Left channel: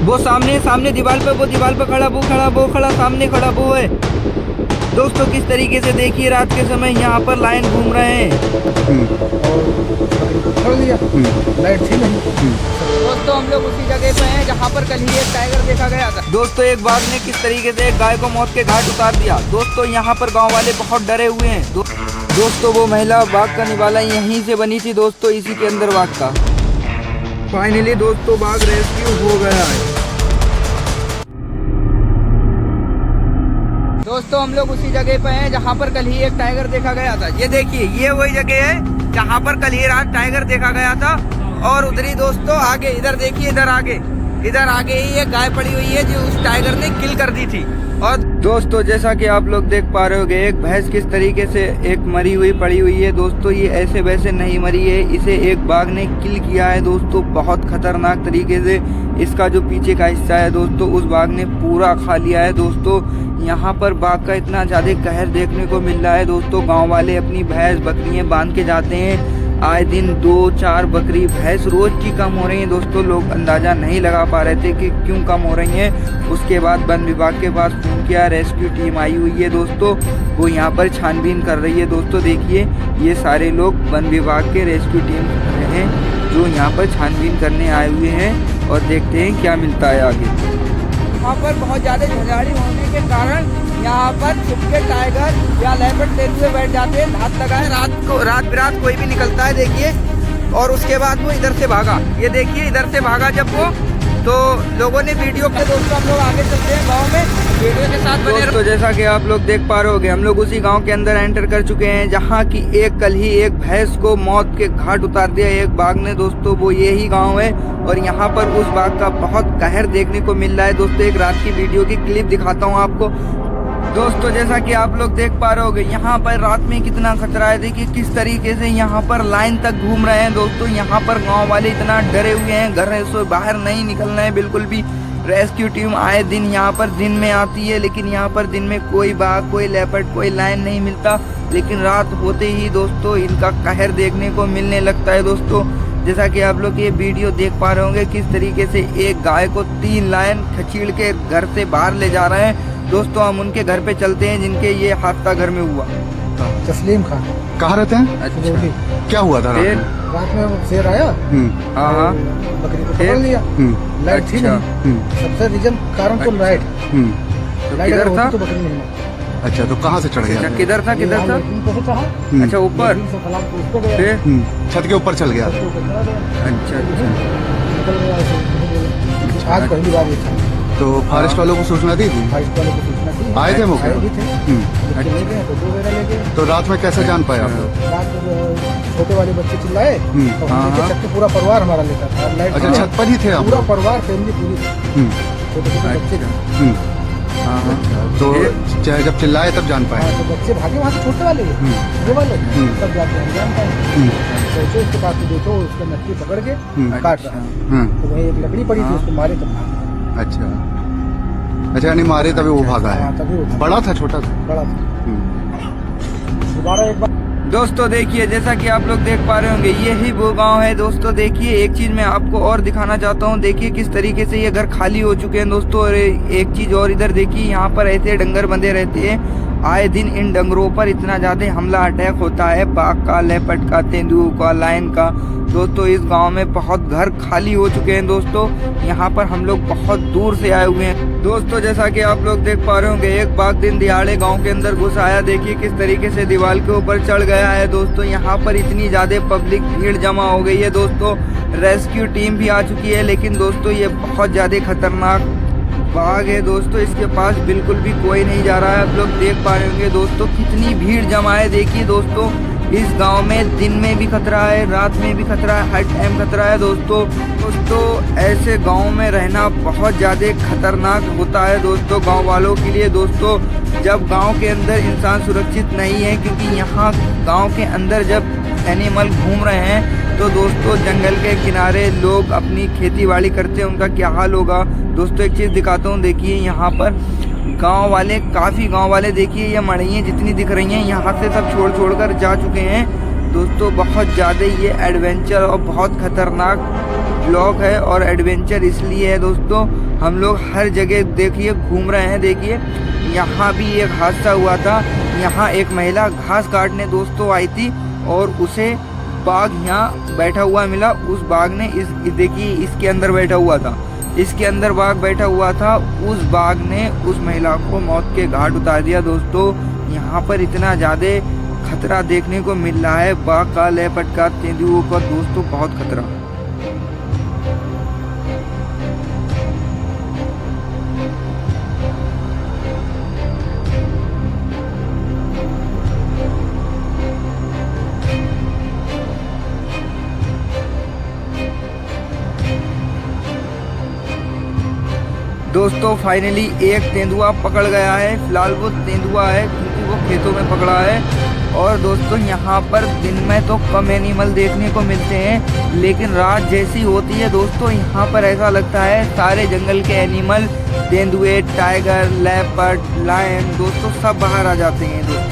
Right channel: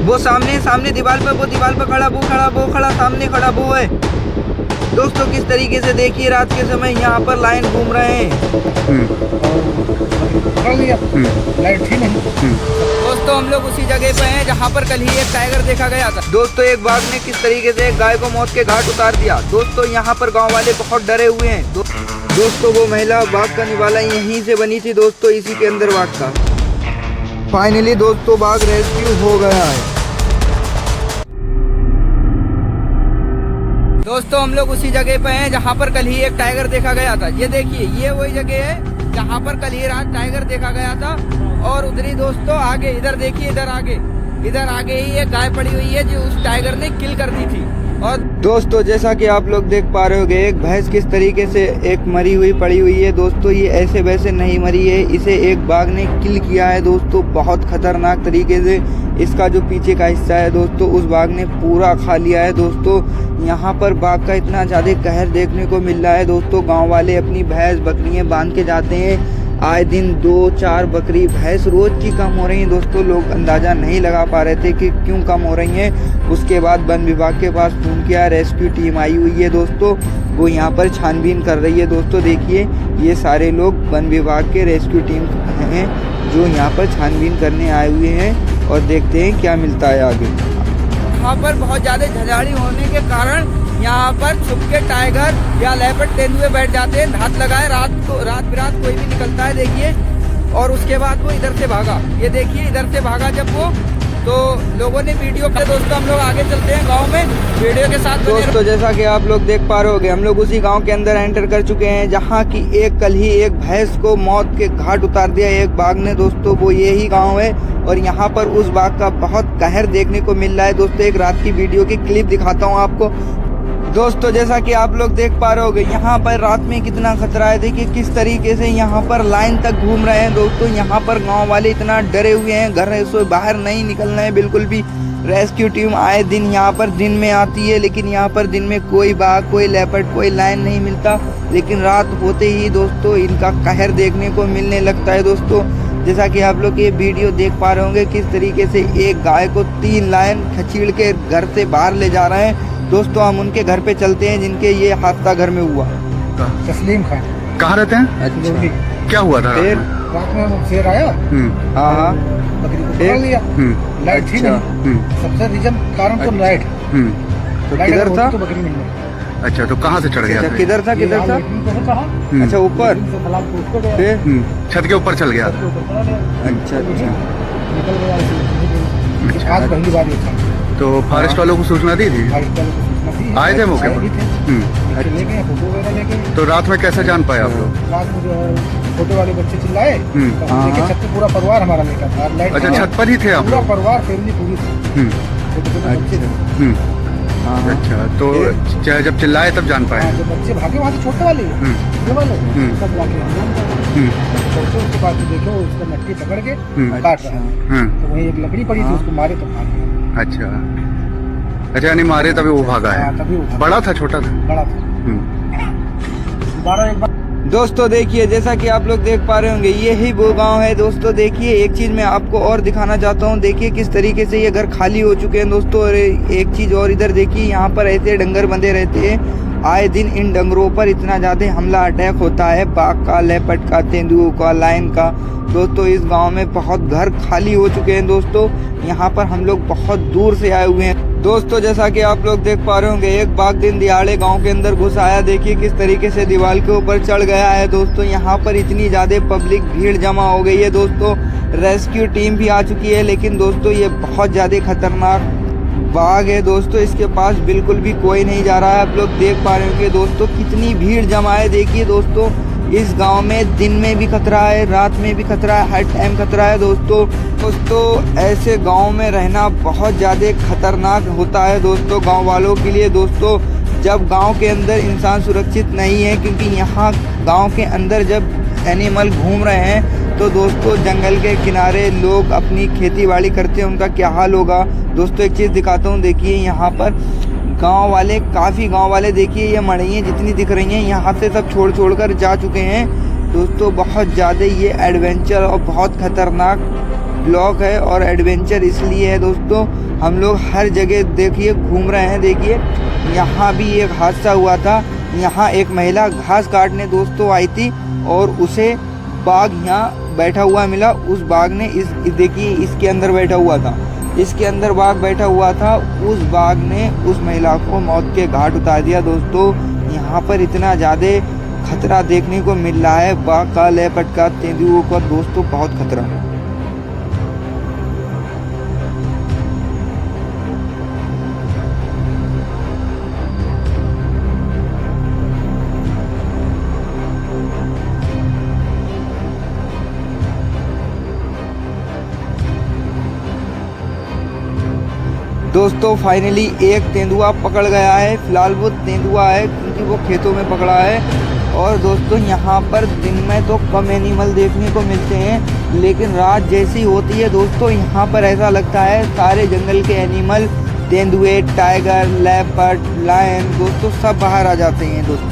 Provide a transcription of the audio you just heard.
वो सामने सामने दीवार पे, वो दीवार पे खड़ा, वो खड़ा सामने खड़ा वो है दोस्तों। किस तरीके से देखिए रात के समय यहाँ पर लाइन घूम रहे हैं। पकड़ लिया, लाइट थी नहीं। दोस्तों हम लोग उसी जगह पे हैं जहाँ पर कल ही एक टाइगर देखा गया था दोस्तों। एक बाघ ने किस तरीके से एक गाय को मौत के घाट उतार दिया दोस्तों। यहाँ पर गांव वाले बहुत डरे हुए हैं दोस्तों। वो महिला बाघ का निवाला यहीं से बनी थी दोस्तों, इसी के अंदर बाघ था। फाइनली दोस्तों बाघ रेस्क्यू हो गया है दोस्तों। हम लोग उसी जगह पे हैं जहाँ पर कल ही एक टाइगर देखा गया था। ये देखिए ये वही जगह है जहाँ पर कल ही रात टाइगर देखा गया था। और उधर ही दोस्तों आगे, इधर देखिए, इधर आगे ही एक गाय पड़ी हुई है जो उस टाइगर ने किल कर दी थी। और दोस्तों जैसा कि आप लोग देख पा रहे होगे, एक भैंस किस तरीके से एक मरी हुई पड़ी हुई है दोस्तों। ये ऐसे वैसे नहीं मरी है, इसे एक बाघ ने किल किया है दोस्तों, बहुत खतरनाक तरीके से। इसका जो पीछे का हिस्सा है दोस्तों, उस बाघ ने पूरा खा लिया है दोस्तों। यहाँ पर बाघ का इतना ज्यादा कहर देखने को मिल रहा है दोस्तों। गाँव वाले अपनी भैंस बकरियां बांध के जाते हैं, आए दिन 2-4 बकरी भैंस रोज की कम हो रही हैं दोस्तों। लोग अंदाजा नहीं लगा पा रहे थे कि क्यों कम हो रही हैं। उसके बाद वन विभाग के पास फोन किया, रेस्क्यू टीम आई हुई है दोस्तों, वो यहाँ पर छानबीन कर रही है दोस्तों। देखिए ये सारे लोग वन विभाग के रेस्क्यू टीम हैं जो यहाँ पर छानबीन करने आए हुए हैं और देखते हैं क्या मिलता है आगे। यहाँ पर बहुत ज्यादा झंझाड़ी होने के कारण यहाँ पर छुप के टाइगर या लेपर्ड तेंदुए बैठ जाते हैं, धात लगाए। रात बिरात कोई भी निकलता है देखिए। और उसके बाद वो इधर से भागा, ये देखिए इधर से भागा जब वो, तो लोगों ने वीडियो के दोस्तों हम लोग आगे चलते हैं गांव में, वीडियो के साथ बने दोस्तों। जैसा कि आप लोग देख पा रहे होंगे, हम लोग उसी गांव के अंदर एंटर कर चुके हैं जहां की कल ही एक भैंस को मौत के घाट उतार दिया एक बाघ ने दोस्तों। वो यही गांव है और यहाँ पर उस बाघ का बहुत कहर देखने को मिल रहा है दोस्तों। एक रात की वीडियो की क्लिप दिखाता हूँ आपको दोस्तों। जैसा कि आप लोग देख पा रहे होंगे, यहाँ पर रात में कितना खतरा है। देखिए किस तरीके से यहाँ पर लाइन तक घूम रहे हैं दोस्तों। यहाँ पर गांव वाले इतना डरे हुए हैं, घर से बाहर नहीं निकलना है बिल्कुल भी। रेस्क्यू टीम आए दिन यहाँ पर दिन में आती है, लेकिन यहाँ पर दिन में कोई बाघ, कोई लेपर्ड, कोई लाइन नहीं मिलता। लेकिन रात होते ही दोस्तों इनका कहर देखने को मिलने लगता है दोस्तों। जैसा कि आप लोग ये वीडियो देख पा रहे होंगे, किस तरीके से एक गाय को 3 लाइन खचीड़ के घर से बाहर ले जा रहे हैं दोस्तों। हम उनके घर पे चलते हैं जिनके ये हादसा घर में हुआ। तस्लीम खान कहाँ रहते हैं? अच्छा। क्या हुआ था रात में शेर आया, हाँ बकरी को पकड़ लिया, लाइट थी नहीं। सबसे रीजन कारण तो लाइट, किधर था? तो बकरी नहीं मरी। अच्छा, तो कहाँ से चढ़ गया? किधर था? अच्छा ऊपर छत के ऊपर चल गया। अच्छा निकल गया। आज पहली बार ये था। तो फॉरेस्ट वालों को सूचना दी थी? फॉरेस्ट वालों को सूचना दी, आए थे मौके पर? बच्चे ले गए, फोटो वगैरह ले गए। तो रात में कैसे जान पाए आप लोग? रात में जो है छोटे वाले बच्चे चिल्लाए, छत पे पूरा परिवार हमारा लेकर था। लाइट अच्छा, छत पर ही थे आप? पूरा परिवार, फैमिली पूरी, छोटे छोटे बच्चे थे। अच्छा, तो जब चिल्लाए तब जान पाए? तो बच्चे भागे वहाँ से, छोटे वाले ये वाले, तब जाके हम जान पाए। पहुँचे उसके पास, देखो उसका नट्टी पकड़ के काट रहा है, तो वहीं एक लकड़ी पड़ी थी, उसको मारे तब भाग। अच्छा अच्छा, यानी मारे तभी वो भागा है। बड़ा था छोटा था? बड़ा था। दोबारा एक बार दोस्तों देखिए, जैसा कि आप लोग देख पा रहे होंगे, यही वो गांव है दोस्तों। देखिए एक चीज मैं आपको और दिखाना चाहता हूँ। देखिए किस तरीके से ये घर खाली हो चुके हैं दोस्तों। और एक चीज और इधर देखिए, यहाँ पर ऐसे डंगर बंधे रहते हैं। आए दिन इन डंगरों पर इतना ज्यादा हमला अटैक होता है, बाघ का, लेपर्ड का, तेंदुओं का, लायन का दोस्तों। इस गांव में बहुत घर खाली हो चुके हैं दोस्तों। यहाँ पर हम लोग बहुत दूर से आए हुए हैं दोस्तों। जैसा कि आप लोग देख पा रहे होंगे, एक बाघ दिन दिहाड़े गांव के अंदर घुस आया। देखिए किस तरीके से दीवार के ऊपर चढ़ गया है दोस्तों। यहाँ पर इतनी ज्यादा पब्लिक भीड़ जमा हो गई है दोस्तों। रेस्क्यू टीम भी आ चुकी है, लेकिन दोस्तों ये बहुत ज्यादा खतरनाक बाघ है दोस्तों। इसके पास बिल्कुल भी कोई नहीं जा रहा है। आप लोग देख पा रहे होंगे दोस्तों कितनी भीड़ जमा है। देखिए दोस्तों, इस गांव में दिन में भी खतरा है, रात में भी खतरा है, हर टाइम खतरा है दोस्तों। ऐसे गांव में रहना बहुत ज़्यादा खतरनाक होता है दोस्तों, गांव वालों के लिए दोस्तों। जब गांव के अंदर इंसान सुरक्षित नहीं है, क्योंकि यहाँ गांव के अंदर जब एनिमल घूम रहे हैं तो दोस्तों जंगल के किनारे लोग अपनी खेती बाड़ी करते हैं, उनका क्या हाल होगा दोस्तों। एक चीज़ दिखाता हूँ, देखिए यहाँ पर काफ़ी गांव वाले देखिए, ये मड़इयाँ जितनी दिख रही हैं यहाँ से सब छोड़ कर जा चुके हैं दोस्तों। बहुत ज़्यादा ये एडवेंचर और बहुत खतरनाक ब्लॉग है और एडवेंचर इसलिए है दोस्तों, हम लोग हर जगह देखिए घूम रहे हैं। देखिए यहाँ भी एक हादसा हुआ था, यहाँ एक महिला घास काटने दोस्तों आई थी और उसे बाघ यहाँ बैठा हुआ मिला। उस बाघ ने देखिए इसके अंदर बैठा हुआ था, इसके अंदर बाघ बैठा हुआ था। उस बाघ ने उस महिला को मौत के घाट उतार दिया दोस्तों। यहाँ पर इतना ज़्यादा खतरा देखने को मिल रहा है, बाघ का, लेपर्ड का, तेंदुओं का दोस्तों, बहुत खतरा। दोस्तों फाइनली एक तेंदुआ पकड़ गया है। फिलहाल वो तेंदुआ है क्योंकि वो खेतों में पकड़ा है। और दोस्तों यहाँ पर दिन में तो कम एनिमल देखने को मिलते हैं, लेकिन रात जैसी होती है दोस्तों यहाँ पर ऐसा लगता है सारे जंगल के एनिमल, तेंदुए, टाइगर, लेपर्ड, लायन दोस्तों सब बाहर आ जाते हैं दोस्तों।